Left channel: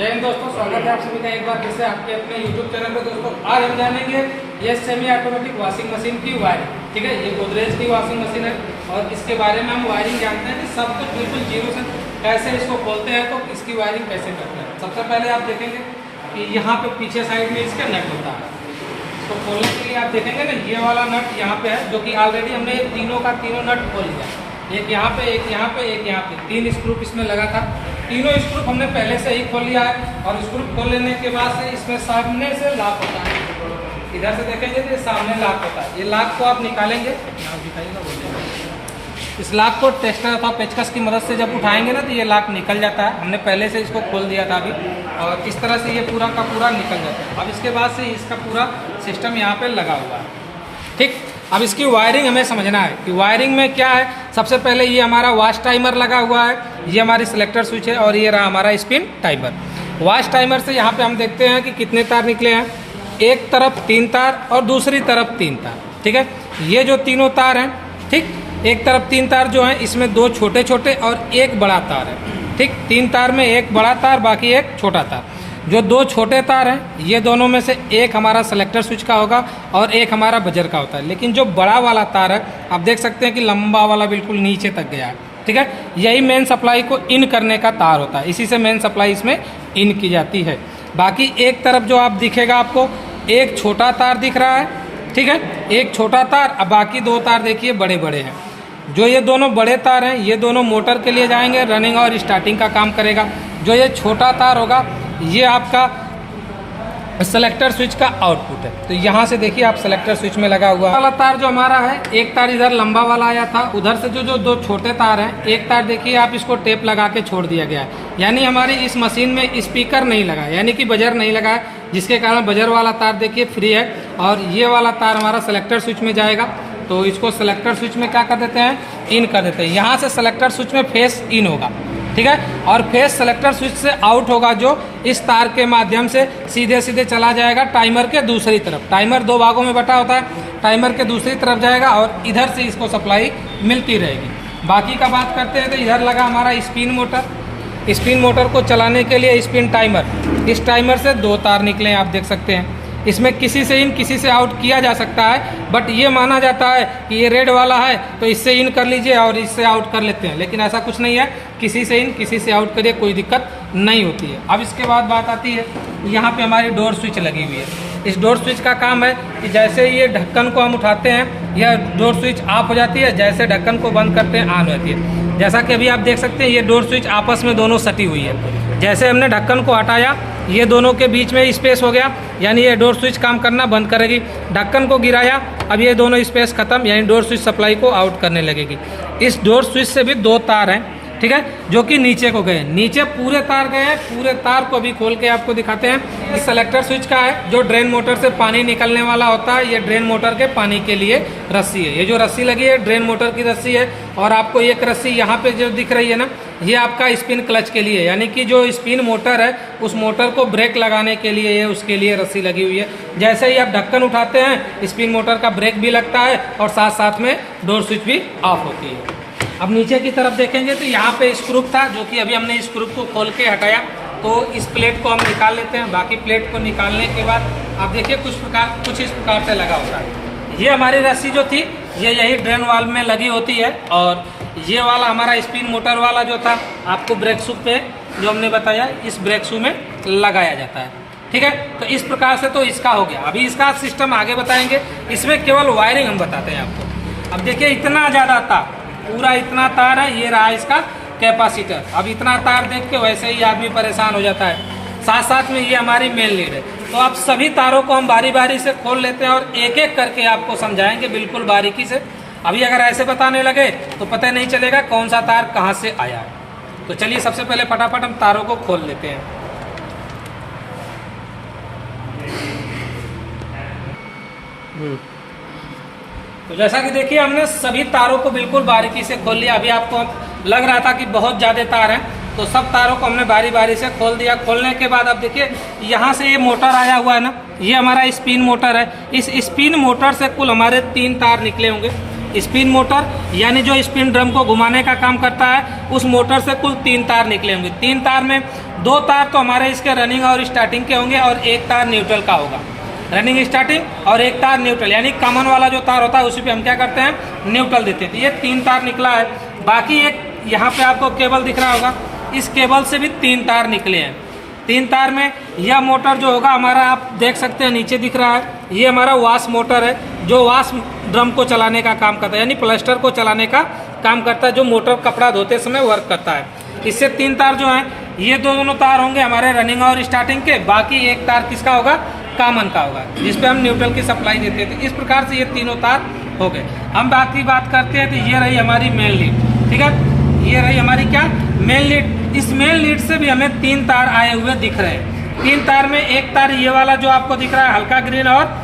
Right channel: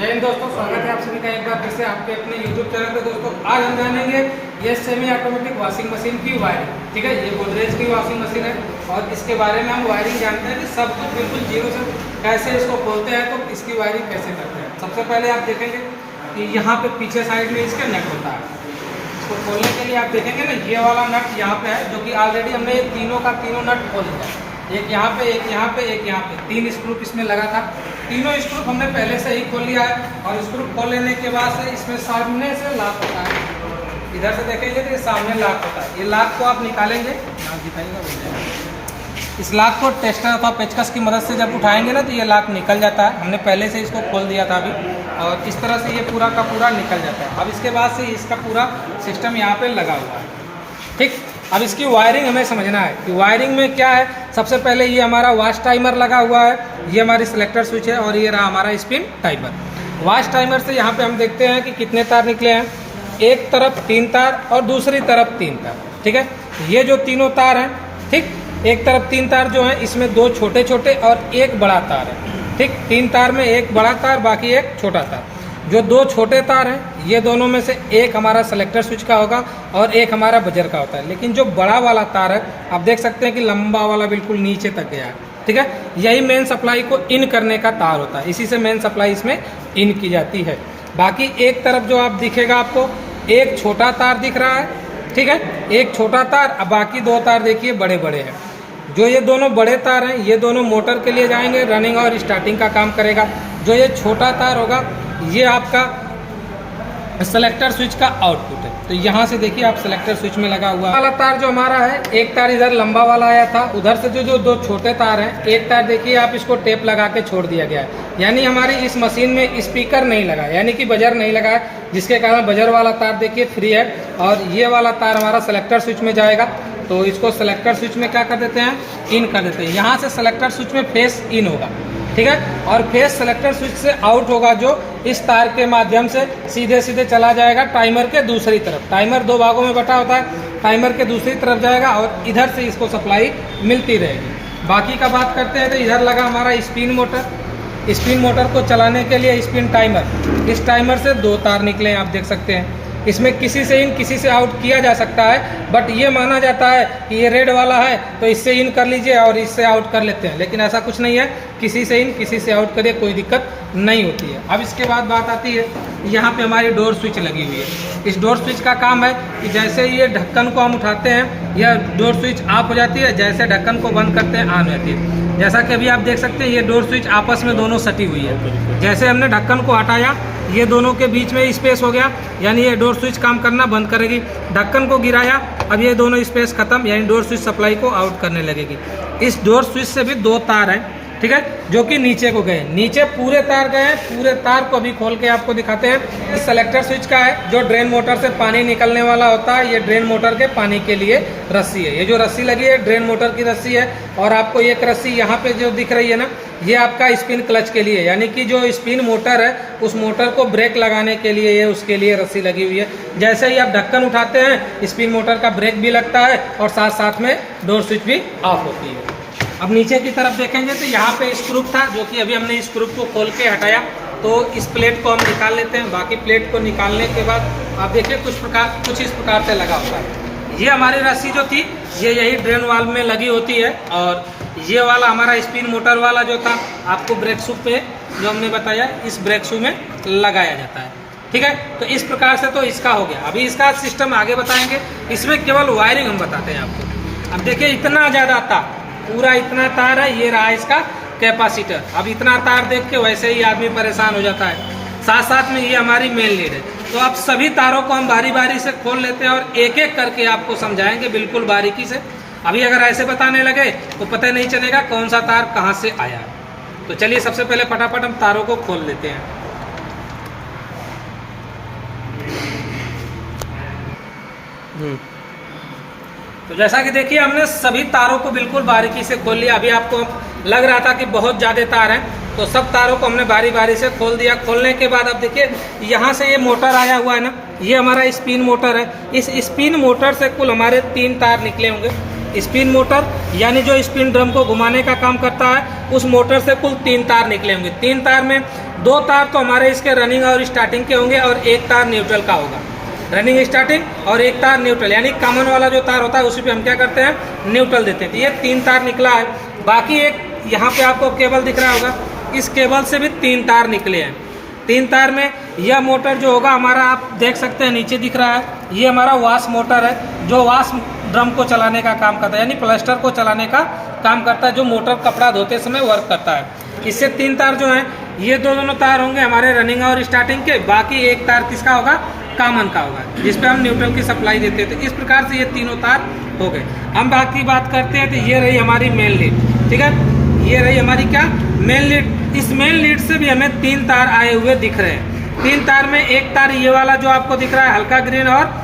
जय हिंद दोस्तों, स्वागत है आप सभी का एक बार फिर से आपके अपने YouTube चैनल पे। दोस्तों आज हम जानेंगे ये सेमी ऑटोमेटिक वॉशिंग मशीन की वायरिंग। ठीक है, ये गोदरेज की वॉशिंग मशीन है और इसके बारे में हम वायरिंग जानते हैं कि सब कुछ बिल्कुल जीरो से कैसे इसको खोलते हैं, तो इसकी वायरिंग कैसे करते हैं। सबसे पहले आप देखेंगे कि यहाँ पे पीछे साइड में इसका नट होता है। इसको खोलने के लिए आप देखेंगे ना, ये वाला नट यहाँ पे है, जो कि ऑलरेडी हमने तीनों का तीनों नट खोल लिया। एक यहाँ पे, एक यहाँ पे, एक यहाँ पे, 3 स्क्रू इसमें लगा था। तीनों स्क्रू हमने पहले से ही खोल लिया है और स्क्रू खोल लेने के बाद से इसमें सामने से लॉक होता है। इधर से देखेंगे तो ये सामने लॉक होता है। ये लॉक को आप निकालेंगे, नाम दिखाइएगा, बोलिएगा। इस लॉक को टेस्टर अथवा पेचकस की मदद से जब उठाएंगे ना, तो ये लॉक निकल जाता है। हमने पहले से इसको खोल दिया था अभी, और इस तरह से ये पूरा का पूरा निकल जाता है। अब इसके बाद से इसका पूरा सिस्टम यहाँ पर लगा हुआ है। ठीक, अब इसकी वायरिंग हमें समझना है कि वायरिंग में क्या है। सबसे पहले ये हमारा वॉश टाइमर लगा हुआ है, ये हमारी सिलेक्टर स्विच है, और ये रहा हमारा स्पिन टाइमर। वॉश टाइमर से यहाँ पे हम देखते हैं कि कितने तार निकले हैं। एक तरफ 3 तार और दूसरी तरफ 3 तार। ठीक है, ये जो तीनों तार हैं, ठीक, एक तरफ 3 तार जो हैं, इसमें 2 छोटे छोटे और 1 बड़ा तार है। ठीक, 3 तार में 1 बड़ा तार, बाकी 1 छोटा तार। जो 2 छोटे तार हैं, ये दोनों में से एक हमारा सेलेक्टर स्विच का होगा और एक हमारा बजर का होता है। लेकिन जो बड़ा वाला तार है, आप देख सकते हैं कि लंबा वाला बिल्कुल नीचे तक गया है। ठीक है, यही मेन सप्लाई को इन करने का तार होता है, इसी से मेन सप्लाई इसमें इन की जाती है। बाकी एक तरफ जो आप दिखेगा, आपको एक छोटा तार दिख रहा है। ठीक है, एक छोटा तार, अब बाकी 2 तार देखिए बड़े बड़े हैं। जो ये दोनों बड़े तार हैं, ये दोनों मोटर के लिए जाएंगे, रनिंग और स्टार्टिंग का काम करेगा। जो ये छोटा तार होगा, ये आपका सेलेक्टर स्विच का आउटपुट है। तो यहाँ से देखिए आप सेलेक्टर स्विच में लगा हुआ वाला तार जो हमारा है, एक तार इधर लंबा वाला आया था, उधर से जो 2 छोटे तार हैं, एक तार देखिए आप इसको टेप लगा के छोड़ दिया गया है। यानी हमारी इस मशीन में स्पीकर नहीं लगा, यानी कि बजर नहीं लगा है, जिसके कारण बजर वाला तार देखिए फ्री है। और ये वाला तार हमारा सेलेक्टर स्विच में जाएगा, तो इसको सेलेक्टर स्विच में क्या कर देते हैं, इन कर देते हैं। यहाँ से सेलेक्टर स्विच में फेस इन होगा। ठीक है, और फेस सेलेक्टर स्विच से आउट होगा, जो इस तार के माध्यम से सीधे सीधे चला जाएगा टाइमर के दूसरी तरफ। टाइमर 2 भागों में बटा होता है, टाइमर के दूसरी तरफ जाएगा और इधर से इसको सप्लाई मिलती रहेगी। बाकी का बात करते हैं तो इधर लगा हमारा स्पिन मोटर। स्पिन मोटर को चलाने के लिए स्पिन टाइमर, इस टाइमर से 2 तार निकले, आप देख सकते हैं। इसमें किसी से इन किसी से आउट किया जा सकता है, बट ये माना जाता है कि ये रेड वाला है तो इससे इन कर लीजिए और इससे आउट कर लेते हैं, लेकिन ऐसा कुछ नहीं है। किसी से इन किसी से आउट करिए, कोई दिक्कत नहीं होती है। अब इसके बाद बात आती है, यहाँ पे हमारी डोर स्विच लगी हुई है। इस डोर स्विच का काम है कि जैसे ये ढक्कन को हम उठाते हैं, यह डोर स्विच ऑफ हो जाती है, जैसे ढक्कन को बंद करते हैं ऑन हो जाती है। जैसा कि अभी आप देख सकते हैं, ये डोर स्विच आपस में दोनों सटी हुई है। जैसे हमने ढक्कन को हटाया, ये दोनों के बीच में स्पेस हो गया, यानी ये डोर स्विच काम करना बंद करेगी। ढक्कन को गिराया, अब ये दोनों स्पेस खत्म, यानी डोर स्विच सप्लाई को आउट करने लगेगी। इस डोर स्विच से भी 2 तार हैं, ठीक है, जो कि नीचे को गए। नीचे पूरे तार गए हैं, पूरे तार को भी खोल के आपको दिखाते हैं। इस सेलेक्टर स्विच का है, जो ड्रेन मोटर से पानी निकलने वाला होता है। ये ड्रेन मोटर के पानी के लिए रस्सी है। ये जो रस्सी लगी है, ड्रेन मोटर की रस्सी है। और आपको एक रस्सी यहाँ पे जो दिख रही है ना, ये आपका स्पिन क्लच के लिए, यानी कि जो स्पिन मोटर है, उस मोटर को ब्रेक लगाने के लिए ये उसके लिए रस्सी लगी हुई है। जैसे ही आप ढक्कन उठाते हैं, स्पिन मोटर का ब्रेक भी लगता है और साथ साथ में डोर स्विच भी ऑफ होती है। अब नीचे की तरफ देखेंगे तो यहाँ पे स्क्रू था, जो कि अभी हमने स्क्रू को खोल के हटाया, तो इस प्लेट को हम निकाल लेते हैं। बाकी प्लेट को निकालने के बाद आप देखिए कुछ इस प्रकार से लगा होता है। ये हमारी रस्सी जो थी, ये यही ड्रेन वाल्व में लगी होती है। और ये वाला हमारा स्पिन मोटर वाला जो था, आपको ब्रेक शू पे जो हमने बताया, इस ब्रेक शू में लगाया जाता है। ठीक है, तो इस प्रकार से तो इसका हो गया। अभी इसका सिस्टम आगे बताएंगे। इसमें केवल वायरिंग हम बताते हैं आपको। अब देखिए इतना ज़्यादा तार, पूरा इतना तार है, ये रहा इसका कैपेसिटर। अब इतना तार देख के वैसे ही आदमी परेशान हो जाता है। साथ साथ में ये हमारी मेन लीड है। तो अब सभी तारों को हम बारी बारी से खोल लेते हैं और एक एक करके आपको समझाएंगे बिल्कुल बारीकी से। अभी अगर ऐसे बताने लगे तो पता नहीं चलेगा कौन सा तार कहाँ से आया है। तो चलिए सबसे पहले फटाफट हम तारों को खोल लेते हैं। तो जैसा कि देखिए, हमने सभी तारों को बिल्कुल बारीकी से खोल लिया। अभी आपको लग रहा था कि बहुत ज़्यादा तार हैं, तो सब तारों को हमने बारी बारी से खोल दिया। खोलने के बाद अब देखिए, यहाँ से ये मोटर आया हुआ है ना, ये हमारा स्पिन मोटर है। इस स्पिन मोटर से कुल हमारे 3 तार निकले होंगे। स्पिन मोटर यानी जो स्पिन ड्रम को घुमाने का काम करता है, उस मोटर से कुल 3 तार निकले होंगे। 3 तार में 2 तार तो हमारे इसके रनिंग और स्टार्टिंग के होंगे और 1 तार न्यूट्रल का होगा। रनिंग स्टार्टिंग और 1 तार न्यूट्रल, यानी कॉमन वाला जो तार होता है उसी पे हम क्या करते हैं, न्यूट्रल देते हैं। तो ये 3 तार निकला है। बाकी एक यहाँ पे आपको केबल दिख रहा होगा, इस केबल से भी 3 तार निकले हैं। 3 तार में यह मोटर जो होगा हमारा, आप देख सकते हैं नीचे दिख रहा है, ये हमारा वाश मोटर है जो वाश ड्रम को चलाने का काम करता है, यानी प्लास्टर को चलाने का काम करता है, जो मोटर कपड़ा धोते समय वर्क करता है। इससे 3 तार जो हैं, ये दोनों तार होंगे हमारे रनिंग और स्टार्टिंग के। बाकी 1 तार किसका होगा, कॉमन का होगा, जिस पे हम न्यूट्रल की सप्लाई देते हैं। तो इस प्रकार से ये तीनों तार हो गए। हम बाकी बात करते हैं, तो ये रही हमारी मेन लीड, ठीक है, ये रही हमारी क्या, मेन लीड। इस मेन लीड से भी हमें 3 तार आए हुए दिख रहे हैं। 3 तार में 1 तार ये वाला जो आपको दिख रहा है हल्का ग्रीन और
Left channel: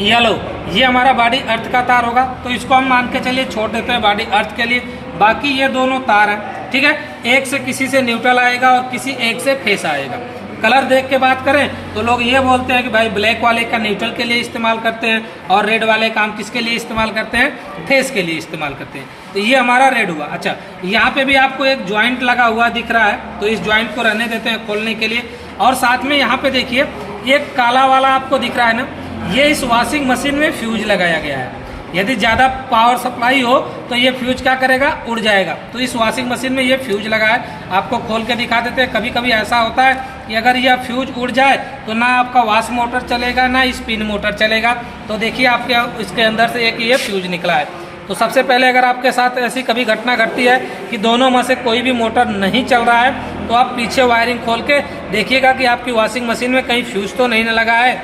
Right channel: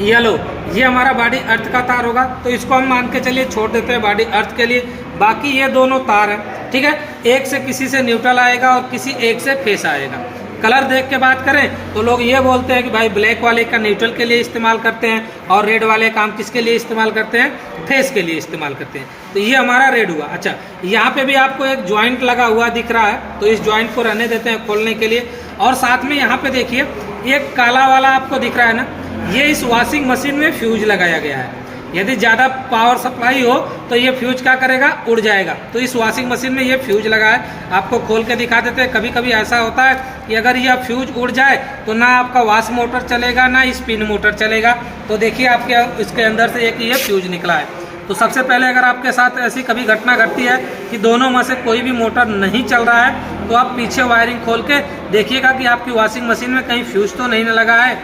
येलो, ये हमारा बॉडी अर्थ का तार होगा, तो इसको हम मान के चलिए छोड़ देते हैं बॉडी अर्थ के लिए। बाकी ये दोनों तार हैं, ठीक है, एक से किसी से न्यूट्रल आएगा और किसी एक से फेस आएगा। कलर देख के बात करें तो लोग ये बोलते हैं कि भाई ब्लैक वाले का न्यूट्रल के लिए इस्तेमाल करते हैं और रेड वाले का हम किसके लिए इस्तेमाल करते हैं, फेस के लिए इस्तेमाल करते हैं। तो ये हमारा रेड हुआ। अच्छा, यहाँ पे भी आपको एक ज्वाइंट लगा हुआ दिख रहा है, तो इस ज्वाइंट को रहने देते हैं खोलने के लिए। और साथ में यहाँ पे देखिए ये काला वाला आपको दिख रहा है ना, ये इस वॉशिंग मशीन में फ्यूज लगाया गया है। यदि ज़्यादा पावर सप्लाई हो तो ये फ्यूज क्या करेगा, उड़ जाएगा। तो इस वॉशिंग मशीन में ये फ्यूज लगा है, आपको खोल के दिखा देते हैं। कभी कभी ऐसा होता है कि अगर यह फ्यूज उड़ जाए तो ना आपका वॉश मोटर चलेगा ना स्पिन मोटर चलेगा। तो देखिए आपके इसके अंदर से एक ये फ्यूज निकला है। तो सबसे पहले अगर आपके साथ ऐसी कभी घटना घटती है कि दोनों में से कोई भी मोटर नहीं चल रहा है, तो आप पीछे वायरिंग खोल के देखिएगा कि आपकी वॉशिंग मशीन में कहीं फ्यूज तो नहीं लगा है।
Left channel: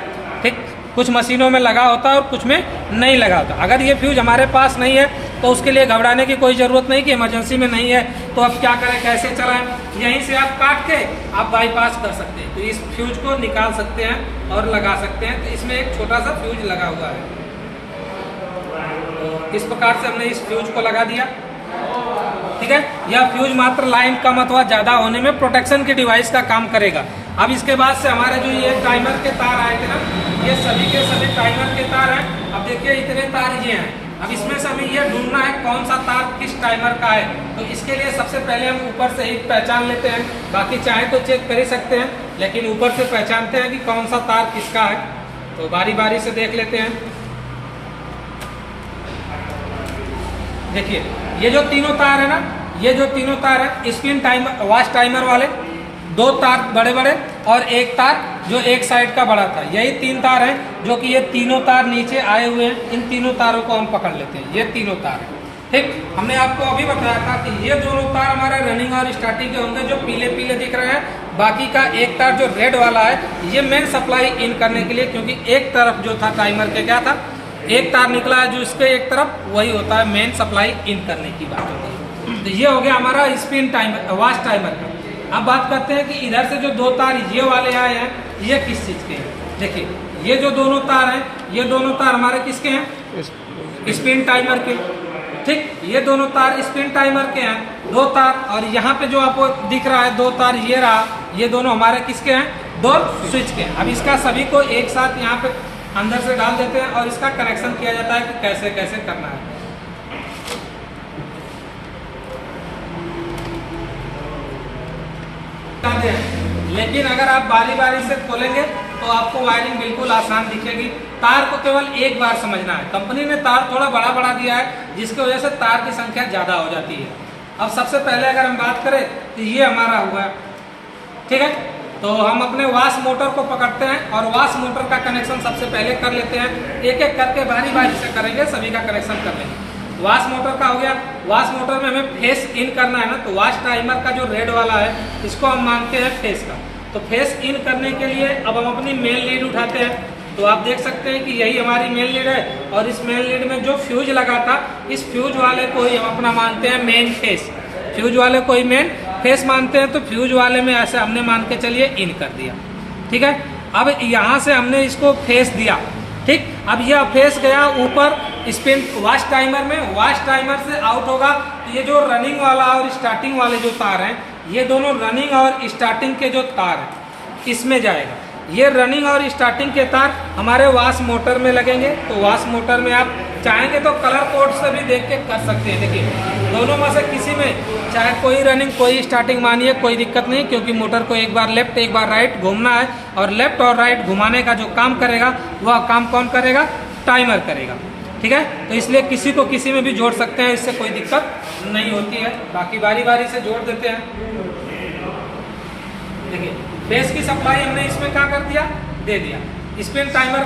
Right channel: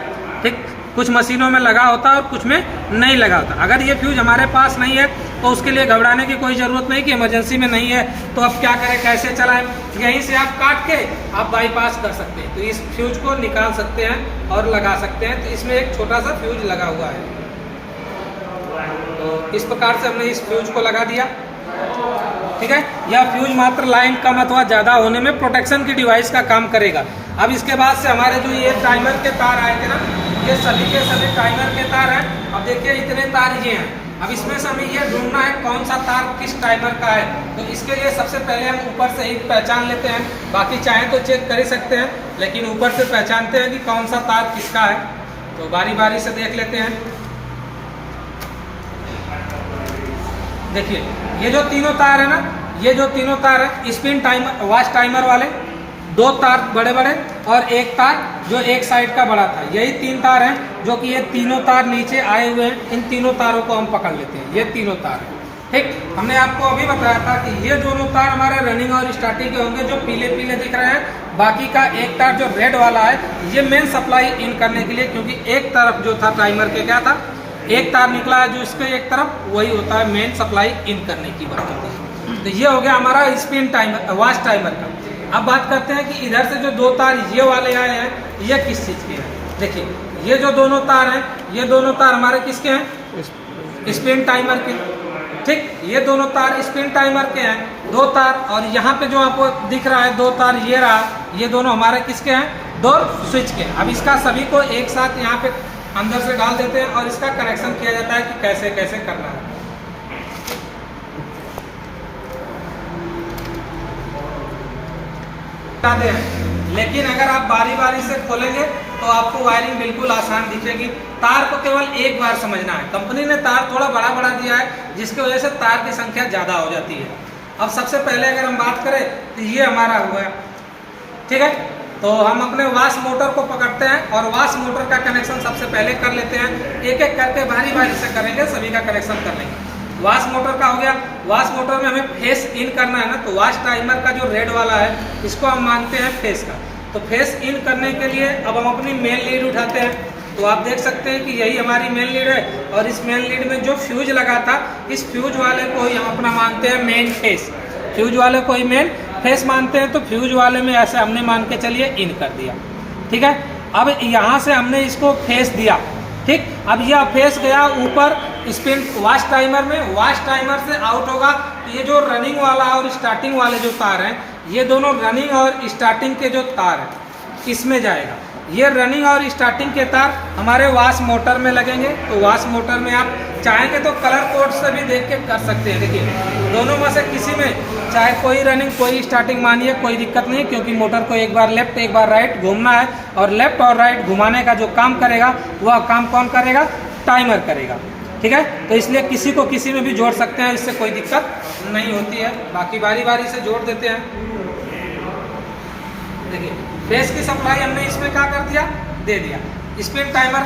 ठीक, कुछ मशीनों में लगा होता है और कुछ में नहीं लगा होता। अगर ये फ्यूज हमारे पास नहीं है तो उसके लिए घबराने की कोई ज़रूरत नहीं कि इमरजेंसी में नहीं है तो अब क्या करें, कैसे चलाएं। यहीं से आप काट के आप बाईपास कर सकते हैं। तो इस फ्यूज को निकाल सकते हैं और लगा सकते हैं। तो इसमें एक छोटा सा फ्यूज लगा हुआ है। तो इस प्रकार से हमने इस फ्यूज को लगा दिया, ठीक है। यह फ्यूज मात्र लाइन कम अथवा ज़्यादा होने में प्रोटेक्शन की डिवाइस का काम करेगा। अब इसके बाद से हमारे जो ये टाइमर के तार आए थे ना, ये सभी के सभी टाइमर के तार हैं। अब देखिए इतने तार ये हैं। अब इसमें से हमें ये ढूंढना है कौन सा तार किस टाइमर का है। तो इसके लिए सबसे पहले हम ऊपर से एक पहचान लेते हैं, बाकी चाहे तो चेक कर ही सकते हैं, लेकिन ऊपर से पहचानते हैं कि कौन सा तार किसका है। तो बारी बारी से देख लेते हैं। देखिए ये जो तीनों तार है ना, ये जो तीनों तार है स्पिन टाइमर वॉश टाइमर वाले, 2 तार बड़े बड़े और 1 तार जो एक साइड का बड़ा था, यही 3 तार हैं जो कि ये तीनों तार नीचे आए हुए हैं। इन तीनों तारों को हम पकड़ लेते हैं, ये तीनों तार। ठीक, हमने आपको अभी बताया था कि ये दोनों तार हमारे रनिंग और स्टार्टिंग के होंगे जो पीले पीले दिख रहे हैं। बाकी का 1 तार जो रेड वाला है ये मेन सप्लाई इन करने के लिए, क्योंकि एक तरफ जो था टाइमर के क्या था, 1 तार निकला है जो इसके एक तरफ, वही होता है मेन सप्लाई इन करने की बात होती है। तो ये हो गया हमारा स्पिन टाइमर वॉश टाइमर का। अब बात करते हैं कि इधर से जो 2 तार ये वाले आए हैं ये किस चीज़ के हैं। देखिए ये जो दोनों तार हैं, ये दोनों तार हमारे किसके हैं, स्पिन टाइमर के। ठीक, ये दोनों तार स्पिन टाइमर के हैं, 2 तार। और यहाँ पे जो आपको दिख रहा है 2 तार ये रहा, ये दोनों हमारे किसके हैं, डोर स्विच के। अब इसका सभी को एक साथ यहाँ पे अंदर से डाल देते हैं और इसका कनेक्शन किया जाता है कि कैसे कैसे करना है। लेकिन अगर आप बारी बारी से खोलेंगे तो आपको वायरिंग बिल्कुल आसान दिखेगी। तार को केवल एक बार समझना है। कंपनी ने तार थोड़ा बड़ा बड़ा दिया है जिसकी वजह से तार की संख्या ज़्यादा हो जाती है। अब सबसे पहले अगर हम बात करें तो ये हमारा हुआ, ठीक है। तो हम अपने वॉश मोटर को पकड़ते हैं और वॉश मोटर का कनेक्शन सबसे पहले कर लेते हैं। एक एक करके बारी बारी से करेंगे, सभी का कनेक्शन कर लेंगे। वॉश मोटर का हो गया। वॉश मोटर में हमें फेस इन करना है ना, तो वॉश टाइमर का जो रेड वाला है इसको हम मानते हैं फेस का। तो फेस इन करने के लिए अब हम अपनी मेन लीड उठाते हैं। तो आप देख सकते हैं कि यही हमारी मेन लीड है और इस मेन लीड में जो फ्यूज लगा था, इस फ्यूज वाले को ही हम अपना मानते हैं मेन फेस। फ्यूज वाले को ही मेन फेस मानते हैं। तो फ्यूज वाले में ऐसे हमने मान के चलिए इन कर दिया, ठीक है। अब यहाँ से हमने इसको फेस दिया, ठीक। अब यह फेस गया ऊपर स्पिन वॉश टाइमर में, वॉश टाइमर से आउट होगा। ये जो रनिंग वाला और स्टार्टिंग वाले जो तार हैं, ये दोनों रनिंग और स्टार्टिंग के जो तार हैं इसमें जाएगा। ये रनिंग और स्टार्टिंग के तार हमारे वाश मोटर में लगेंगे। तो वाश मोटर में आप चाहेंगे तो कलर कोड से भी देख के कर सकते हैं। देखिए दोनों में से किसी में चाहे कोई रनिंग कोई स्टार्टिंग मानिए, कोई दिक्कत नहीं, क्योंकि मोटर को एक बार लेफ्ट एक बार राइट घूमना है, और लेफ्ट और राइट घुमाने का जो काम करेगा वह काम कौन करेगा? टाइमर करेगा। ठीक है, तो इसलिए किसी को किसी में भी जोड़ सकते हैं, इससे कोई दिक्कत नहीं होती है। बाकी बारी बारी से जोड़ देते हैं। देखिए फेस की सप्लाई हमने इसमें क्या कर दिया? दे दिया। स्पिन टाइमर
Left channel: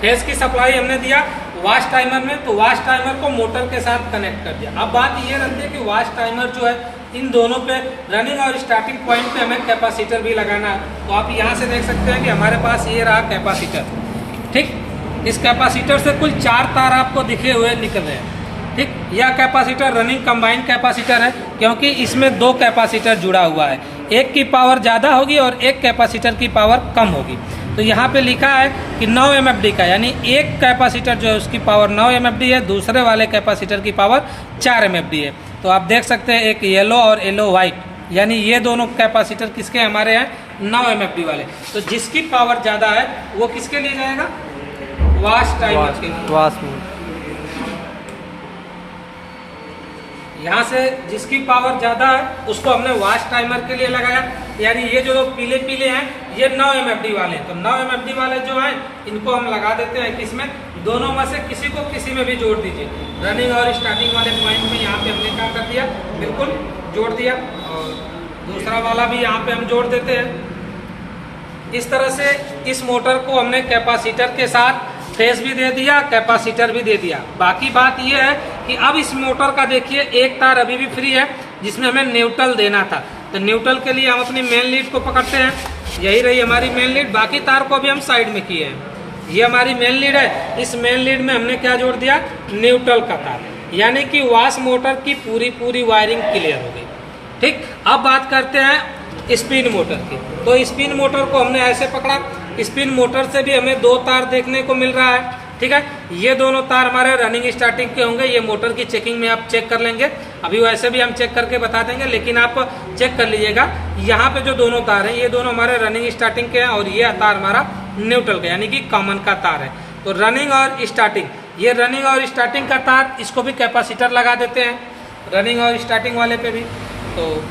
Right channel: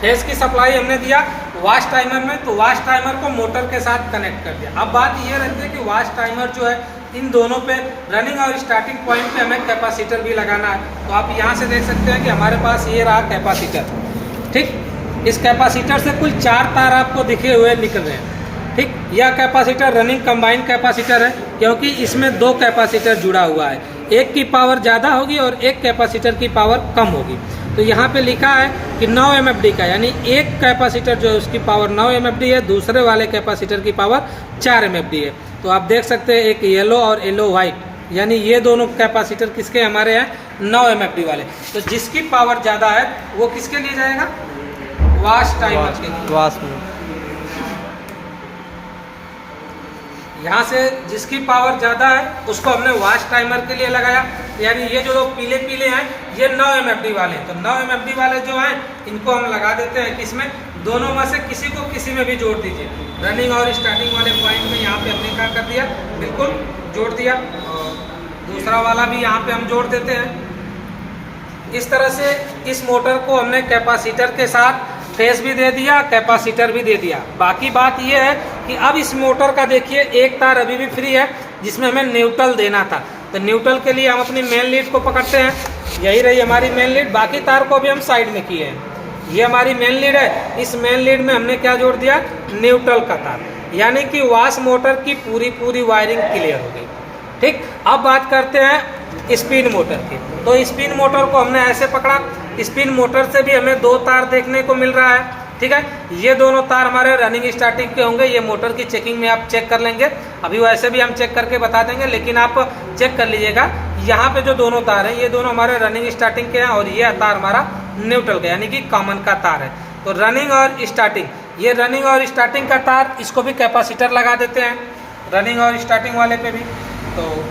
फेस की सप्लाई हमने दिया वाश टाइमर में, तो वाश टाइमर को मोटर के साथ कनेक्ट कर दिया। अब बात ये रहती है कि वाश टाइमर जो है इन दोनों पे रनिंग और स्टार्टिंग पॉइंट पे हमें कैपेसिटर भी लगाना है। तो आप यहाँ से देख सकते हैं कि हमारे पास ये रहा कैपेसिटर। ठीक, इस कैपेसिटर से कुल 4 तार आपको दिखे हुए निकल रहे हैं। ठीक, यह कैपेसिटर रनिंग कंबाइंड कैपेसिटर है, क्योंकि इसमें 2 कैपेसिटर जुड़ा हुआ है। एक की पावर ज़्यादा होगी और एक कैपेसिटर की पावर कम होगी। तो यहाँ पे लिखा है कि 9 MFD का, यानी एक कैपेसिटर जो है उसकी पावर 9 MFD है, दूसरे वाले कैपेसिटर की पावर 4 MFD है। तो आप देख सकते हैं एक येलो और येलो वाइट, यानी ये दोनों कैपेसिटर किसके हमारे हैं? 9 MFD वाले। तो जिसकी पावर ज़्यादा है वो किसके लिए जाएगा? वाश टाइमर के लिए। वाश में यहाँ से जिसकी पावर ज़्यादा है उसको हमने वाश टाइमर के लिए लगाया, यानी ये जो पीले पीले हैं ये 9 MFD वाले। तो 9 MFD वाले जो हैं इनको हम लगा देते हैं किसमें? दोनों में से किसी को किसी में भी जोड़ दीजिए। रनिंग और स्टार्टिंग वाले पॉइंट में यहाँ पे हमने क्या कर दिया? बिल्कुल जोड़ दिया। और दूसरा वाला भी यहाँ पे हम जोड़ देते हैं। इस तरह से इस मोटर को हमने कैपेसिटर के साथ फेस भी दे दिया, कैपेसिटर भी दे दिया। बाकी बात यह है कि अब इस मोटर का देखिए एक तार अभी भी फ्री है जिसमें हमें न्यूट्रल देना था। तो न्यूट्रल के लिए हम अपनी मेन लीड को पकड़ते हैं, यही रही हमारी मेन लीड। बाकी तार को भी हम साइड में किए हैं। ये हमारी मेन लीड है, इस मेन लीड में हमने क्या जोड़ दिया? न्यूट्रल का तार, यानी कि वाश मोटर की पूरी वायरिंग क्लियर हो गई। ठीक, अब बात करते हैं स्पिन मोटर की। तो स्पिन मोटर को हमने ऐसे पकड़ा, स्पिन मोटर से भी हमें 2 तार देखने को मिल रहा है। ठीक है, ये दोनों तार हमारे रनिंग स्टार्टिंग के होंगे। ये मोटर की चेकिंग में आप चेक कर लेंगे, अभी वैसे भी हम चेक करके बता देंगे, लेकिन आप चेक कर लीजिएगा। यहाँ पे जो दोनों तार हैं ये दोनों हमारे रनिंग स्टार्टिंग के हैं, और ये तार हमारा न्यूट्रल का यानी कि कॉमन का तार है। तो रनिंग और स्टार्टिंग, ये रनिंग और स्टार्टिंग का तार, इसको भी कैपेसिटर लगा देते हैं रनिंग और स्टार्टिंग वाले पे भी। तो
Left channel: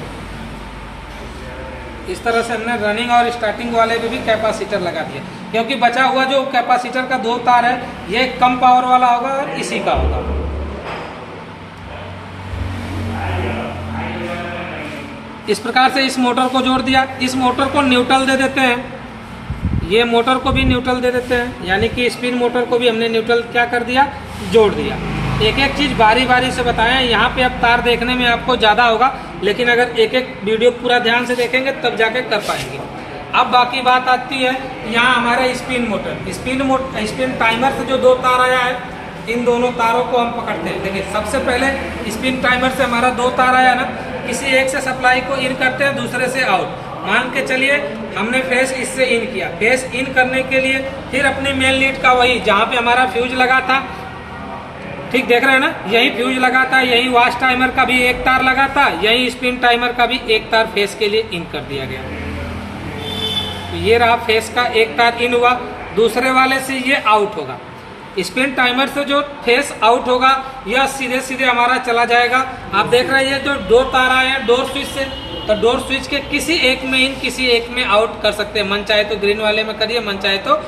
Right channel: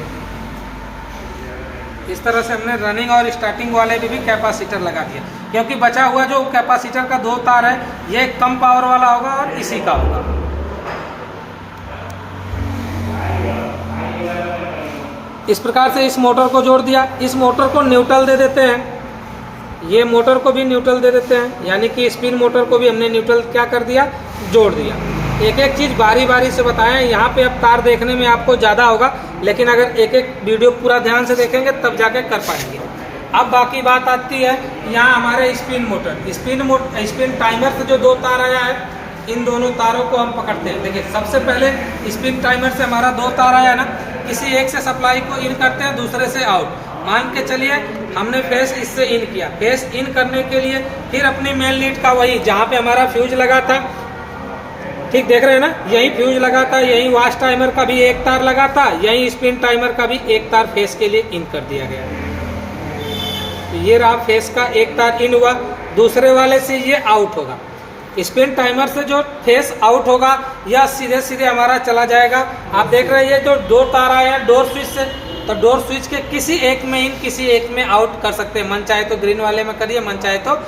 इस तरह से हमने रनिंग और स्टार्टिंग वाले पे भी कैपेसिटर लगा दिया, क्योंकि बचा हुआ जो कैपेसिटर का 2 तार है ये कम पावर वाला होगा और इसी का होगा। इस प्रकार से इस मोटर को जोड़ दिया। इस मोटर को न्यूट्रल दे देते हैं, ये मोटर को भी न्यूट्रल दे देते हैं, यानी कि स्पिन मोटर को भी हमने न्यूट्रल क्या कर दिया? जोड़ दिया। एक एक चीज़ बारी बारी से बताएं। यहाँ पे अब तार देखने में आपको ज़्यादा होगा, लेकिन अगर एक एक वीडियो पूरा ध्यान से देखेंगे तब जाके कर पाएंगे। अब बाकी बात आती है यहाँ हमारे स्पिन मोटर, स्पिन टाइमर से जो 2 तार आया है, इन दोनों तारों को हम पकड़ते हैं। देखिए सबसे पहले स्पिन टाइमर से हमारा 2 तार आया ना, किसी एक से सप्लाई को इन करते हैं, दूसरे से आउट। मान के चलिए हमने फेस इससे इन किया, फेस इन करने के लिए फिर अपनी मेन लीड का वही जहाँ पे हमारा फ्यूज लगा था, ठीक देख रहे हैं ना, यही फ्यूज लगा था, यही वाश टाइमर का भी एक तार लगा था, यही स्पिन टाइमर का भी एक तार फेस के लिए इन कर दिया गया। तो ये रहा फेस का एक तार इन हुआ, दूसरे वाले से ये आउट होगा। स्पिन टाइमर से जो फेस आउट होगा यह सीधे सीधे हमारा चला जाएगा। आप देख रहे हैं जो 2 तार आए हैं डोर स्विच से, तो डोर स्विच के किसी एक में इन किसी एक में आउट कर सकते हैं। मन चाहे तो ग्रीन वाले में करिए, मन चाहे तो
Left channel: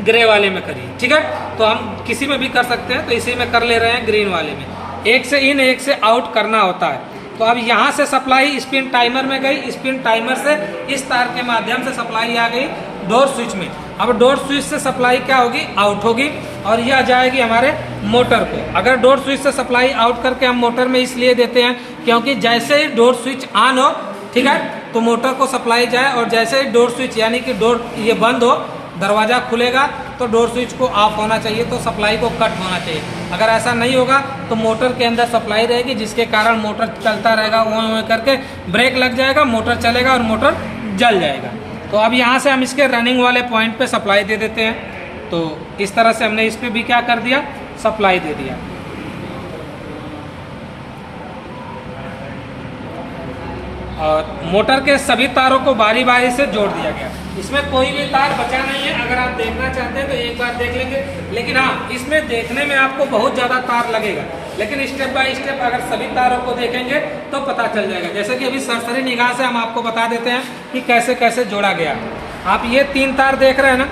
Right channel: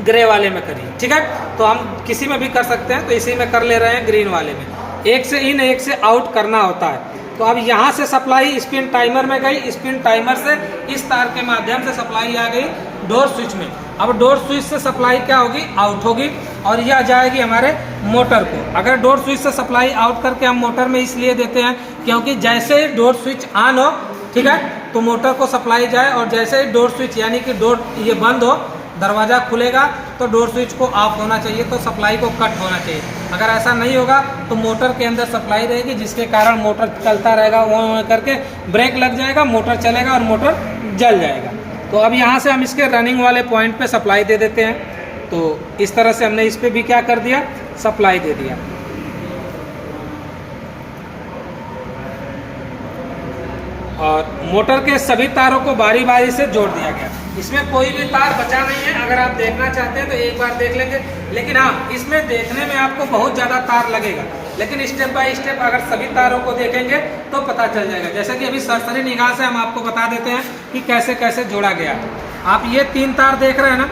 ग्रे वाले में करिए। ठीक है, तो हम किसी में भी कर सकते हैं, तो इसी में कर ले रहे हैं ग्रीन वाले में। एक से इन एक से आउट करना होता है। तो अब यहाँ से सप्लाई स्पिन टाइमर में गई, स्पिन टाइमर से इस तार के माध्यम से सप्लाई आ गई डोर स्विच में। अब डोर स्विच से सप्लाई क्या होगी? आउट होगी, और यह जाएगी हमारे मोटर को। अगर डोर स्विच से सप्लाई आउट करके हम मोटर में इसलिए देते हैं क्योंकि जैसे ही डोर स्विच ऑन हो, ठीक है, तो मोटर को सप्लाई जाए, और जैसे ही डोर स्विच यानी कि डोर ये बंद हो, दरवाज़ा खुलेगा तो डोर स्विच को ऑफ होना चाहिए, तो सप्लाई को कट होना चाहिए। अगर ऐसा नहीं होगा तो मोटर के अंदर सप्लाई रहेगी, जिसके कारण मोटर चलता रहेगा, वो करके ब्रेक लग जाएगा, मोटर चलेगा और मोटर जल जाएगा। तो अब यहाँ से हम इसके रनिंग वाले पॉइंट पे सप्लाई दे देते हैं। तो इस तरह से हमने इस पर भी क्या कर दिया? सप्लाई दे दिया। और मोटर के सभी तारों को बारी बारी से जोड़ दिया गया। इसमें कोई भी तार बचा नहीं है। अगर आप देखना चाहते हैं तो एक बार देख लेंगे, लेकिन हाँ, इसमें देखने में आपको बहुत ज़्यादा तार लगेगा, लेकिन स्टेप बाय स्टेप अगर सभी तारों को देखेंगे तो पता चल जाएगा। जैसे कि अभी सरसरी निगाह से हम आपको बता देते हैं कि कैसे कैसे जोड़ा गया। आप ये 3 तार देख रहे हैं ना,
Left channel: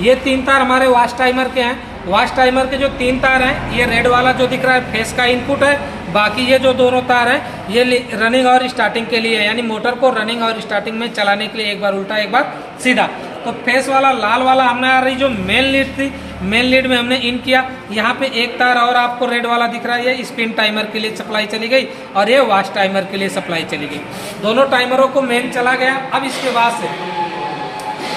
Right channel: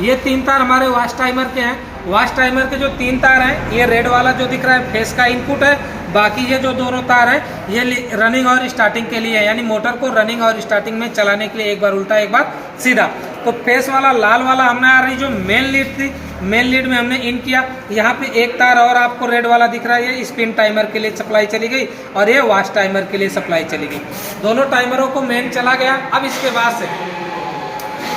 ये 3 तार हमारे वॉश टाइमर के हैं। वॉश टाइमर के जो 3 तार हैं, ये रेड वाला जो दिख रहा है फेस का इनपुट है। बाकी ये जो दोनों तार हैं ये रनिंग और स्टार्टिंग के लिए है, यानी मोटर को रनिंग और स्टार्टिंग में चलाने के लिए एक बार उल्टा एक बार सीधा। तो फेस वाला लाल वाला हमने आ रही जो मेन लीड थी, मेन लीड में हमने इन किया। यहाँ पे एक तार और आपको रेड वाला दिख रहा है, ये स्पिन टाइमर के लिए सप्लाई चली गई और ये वॉश टाइमर के लिए सप्लाई चली गई। दोनों टाइमरों को मेन चला गया। अब इसके बाद से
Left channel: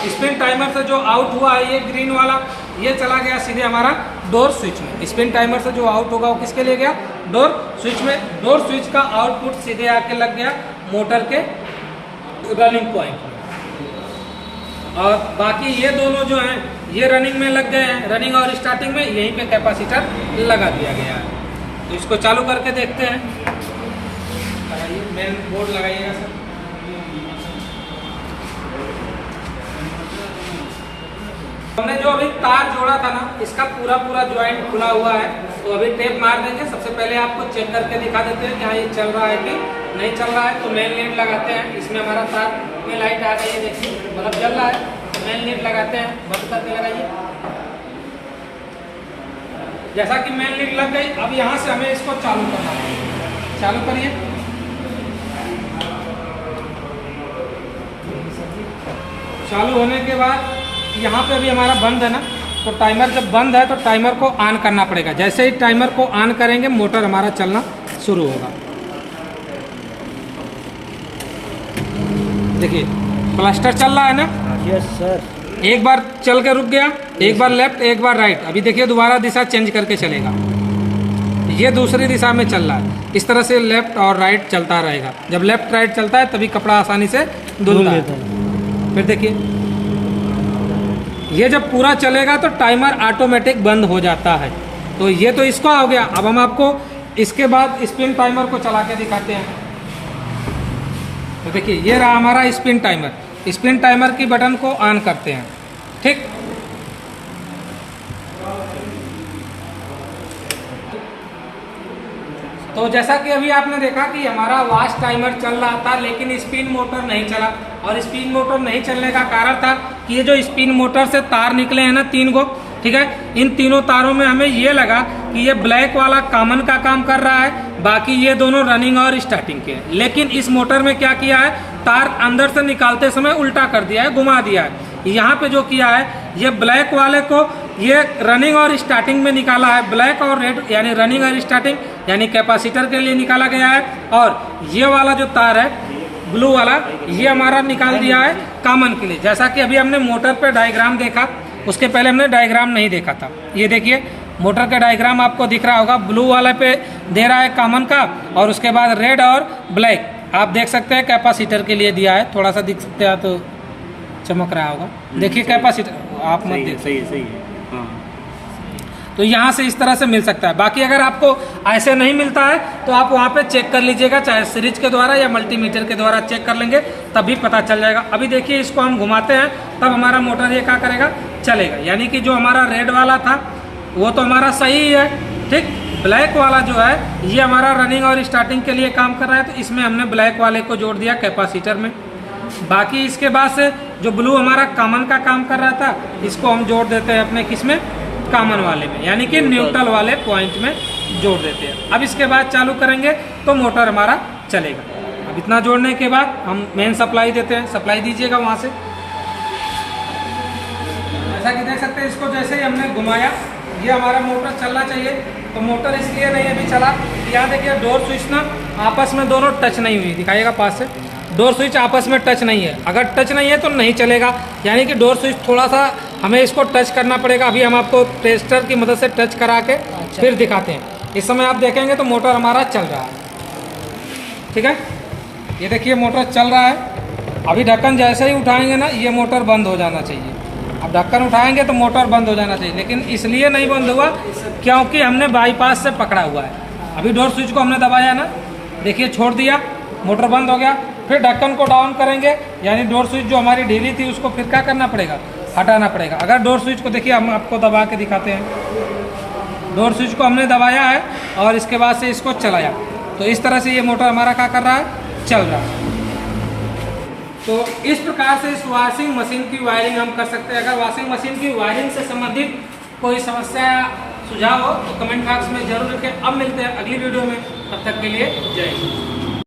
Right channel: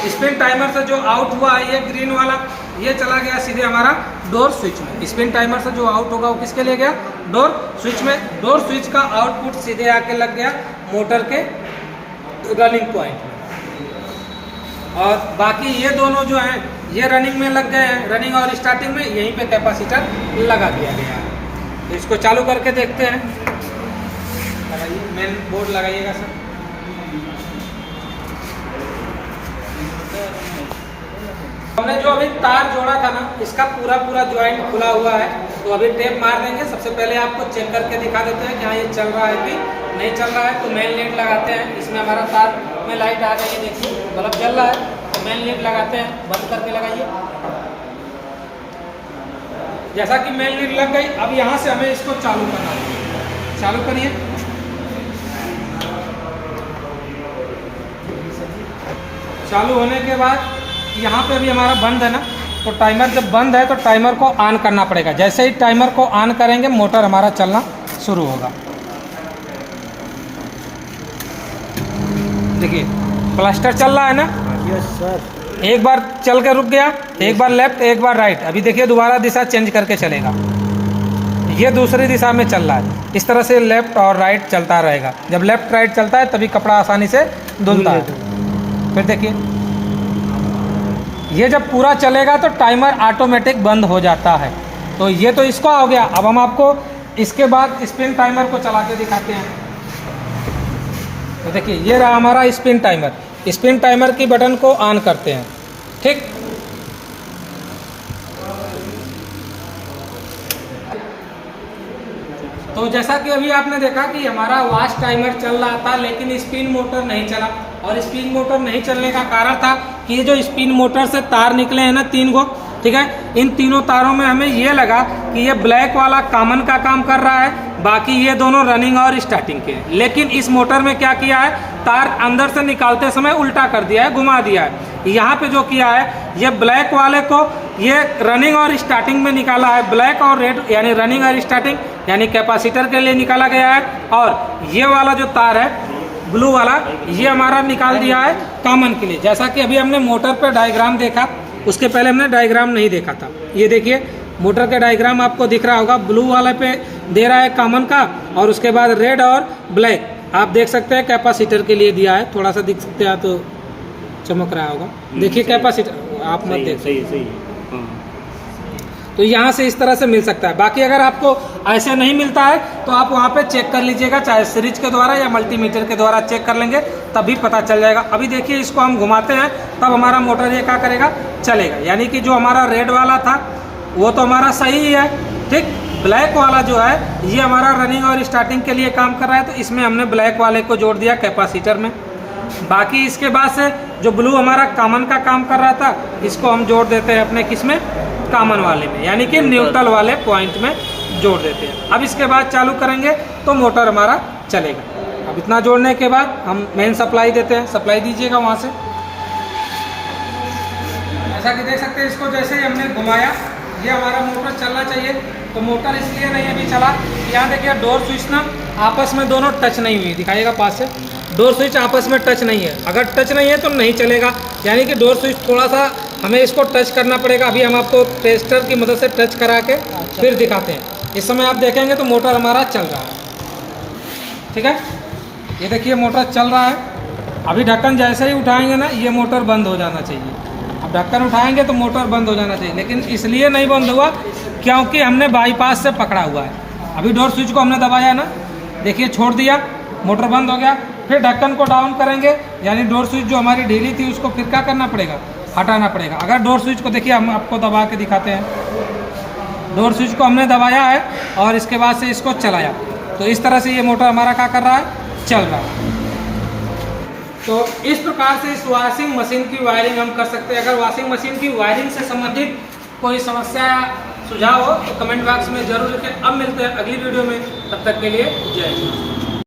स्पिन टाइमर से जो आउट हुआ है ये ग्रीन वाला, ये चला गया सीधे हमारा डोर स्विच में। स्पिन टाइमर से जो आउट होगा वो किसके लिए गया? डोर स्विच में। डोर स्विच का आउटपुट सीधे आके लग गया मोटर के रनिंग पॉइंट में। और बाकी ये दोनों जो हैं ये रनिंग में लग गए हैं, रनिंग और स्टार्टिंग में यहीं पे कैपेसिटर लगा दिया गया है। तो इसको चालू करके देखते हैं। मेन बोर्ड लगाइएगा सर। हमने जो अभी तार जोड़ा था ना, इसका पूरा ज्वाइंट खुला हुआ है, तो अभी टेप मार देंगे। सबसे पहले आपको चेक करके दिखा देते हैं कि हाँ ये चल रहा है कि नहीं चल रहा है। तो मेन लीड लगाते हैं, इसमें हमारा तार में लाइट आ गई है, देखिए बल्ब जल रहा है। तो मेन लीड लगाते हैं, बंद करके लगाइए। जैसा कि मेन लीड लग गई, अब यहाँ से हमें इसको चालू करना है। चालू करिए। चालू होने के बाद यहाँ पे अभी हमारा बंद है ना, तो टाइमर जब बंद है तो टाइमर को ऑन करना पड़ेगा। जैसे ही टाइमर को ऑन करेंगे मोटर हमारा चलना शुरू होगा। देखिए क्लस्टर चल रहा है ना। Yes sir. एक बार चल के रुक गया, एक बार लेफ्ट एक बार राइट। अभी देखिए दोबारा दिशा चेंज करके चलेगा, ये दूसरी दिशा में चल रहा है। इस तरह से लेफ्ट और राइट चलता रहेगा। जब लेफ्ट राइट चलता है तभी कपड़ा आसानी से धुलता है। फिर देखिए ये जब पूरा चलेगा तो टाइमर ऑटोमेटिक बंद हो जाता है। तो ये तो इसका हो गया। अब हम आपको इसके बाद स्पिन टाइमर को चला के दिखाते हैं। तो देखिए ये रहा हमारा स्पिन टाइमर। स्पिन टाइमर की बटन को ऑन करते हैं, ठीक। तो जैसा कि अभी आपने देखा कि हमारा वॉश टाइमर चल रहा था, लेकिन स्पिन मोटर नहीं चला। और स्पिन मोटर नहीं चलने का कारण था कि ये जो स्पिन मोटर से तार निकले हैं ना 3 गो, ठीक है, इन तीनों तारों में हमें ये लगा कि ये ब्लैक वाला कॉमन का काम कर रहा है, बाकी ये दोनों रनिंग और स्टार्टिंग के हैं। लेकिन इस मोटर में क्या किया है, तार अंदर से निकालते समय उल्टा कर दिया है, घुमा दिया है। यहाँ पे जो किया है ये ब्लैक वाले को ये रनिंग और स्टार्टिंग में निकाला है। ब्लैक और रेड यानी रनिंग और स्टार्टिंग यानी कैपेसिटर के लिए निकाला गया है। और ये वाला जो तार है ब्लू वाला, ये हमारा निकाल दिया है कॉमन के लिए। जैसा कि अभी हमने मोटर पे डायग्राम देखा, उसके पहले हमने डायग्राम नहीं देखा था। ये देखिए मोटर का डायग्राम आपको दिख रहा होगा। ब्लू वाले पे दे रहा है कॉमन का, और उसके बाद रेड और ब्लैक आप देख सकते हैं कैपेसिटर के लिए दिया है। थोड़ा सा दिख सकते हैं तो चमक रहा होगा, देखिए कैपेसिटर आप मत देख। सही है हाँ। तो यहाँ से इस तरह से मिल सकता है। बाकी अगर आपको ऐसे नहीं मिलता है तो आप वहाँ पे चेक कर लीजिएगा, चाहे सीरीज के द्वारा या मल्टीमीटर के द्वारा चेक कर लेंगे, तभी पता चल जाएगा। अभी देखिए इसको हम घुमाते हैं तब हमारा मोटर ये क्या करेगा, चलेगा। यानी कि जो हमारा रेड वाला था वो तो हमारा सही है, ठीक। ब्लैक वाला जो है ये हमारा रनिंग और स्टार्टिंग के लिए काम कर रहा है, तो इसमें हमने ब्लैक वाले को जोड़ दिया कैपेसिटर में। बाकी इसके बाद से जो ब्लू हमारा कॉमन का काम कर रहा था, इसको हम जोड़ देते हैं अपने किसमें, कॉमन वाले में, यानी कि न्यूट्रल वाले पॉइंट में जोड़ देते हैं। अब इसके बाद चालू करेंगे तो मोटर हमारा चलेगा। अब इतना जोड़ने के बाद हम मेन सप्लाई देते हैं। सप्लाई दीजिएगा वहाँ से। ऐसा कि देख सकते हैं इसको जैसे ही हमने घुमाया ये हमारा मोटर चलना चाहिए। तो मोटर इसलिए नहीं अभी चला, यहाँ देखिए डोर स्विच ना आपस में दोनों टच नहीं हुई, दिखाइएगा पास से। डोर स्विच आपस में टच नहीं है, अगर टच नहीं है तो नहीं चलेगा। यानी कि डोर स्विच थोड़ा सा हमें इसको टच करना पड़ेगा। अभी हम आपको टेस्टर की मदद से टच करा के फिर दिखाते हैं। इस समय आप देखेंगे तो मोटर हमारा चल रहा है, ठीक है। ये देखिए मोटर चल रहा है। अभी ढक्कन जैसे ही उठाएंगे ना ये मोटर बंद हो जाना चाहिए। अब ढक्कन उठाएंगे तो मोटर बंद हो जाना चाहिए, लेकिन इसलिए नहीं बंद हुआ क्योंकि हमने बाईपास से पकड़ा हुआ है। अभी डोर स्विच को हमने दबाया ना, देखिए छोड़ दिया, मोटर बंद हो गया। फिर ढक्कन को डाउन करेंगे, यानी डोर स्विच जो हमारी ढीली थी उसको फिर क्या करना पड़ेगा, हटाना पड़ेगा। अगर डोर स्विच को देखिए, हम आपको दबा के दिखाते हैं। डोर स्विच को हमने दबाया है और इसके बाद से इसको चलाया, तो इस तरह से ये मोटर हमारा क्या कर रहा है, चल रहा है। तो इस प्रकार से इस वॉशिंग मशीन की वायरिंग हम कर सकते हैं। अगर वॉशिंग मशीन की वायरिंग से संबंधित कोई समस्या सुझाव हो तो कमेंट बॉक्स में जरूर लिखें। अब मिलते हैं अगली वीडियो में, तब तक के लिए जय हिंद।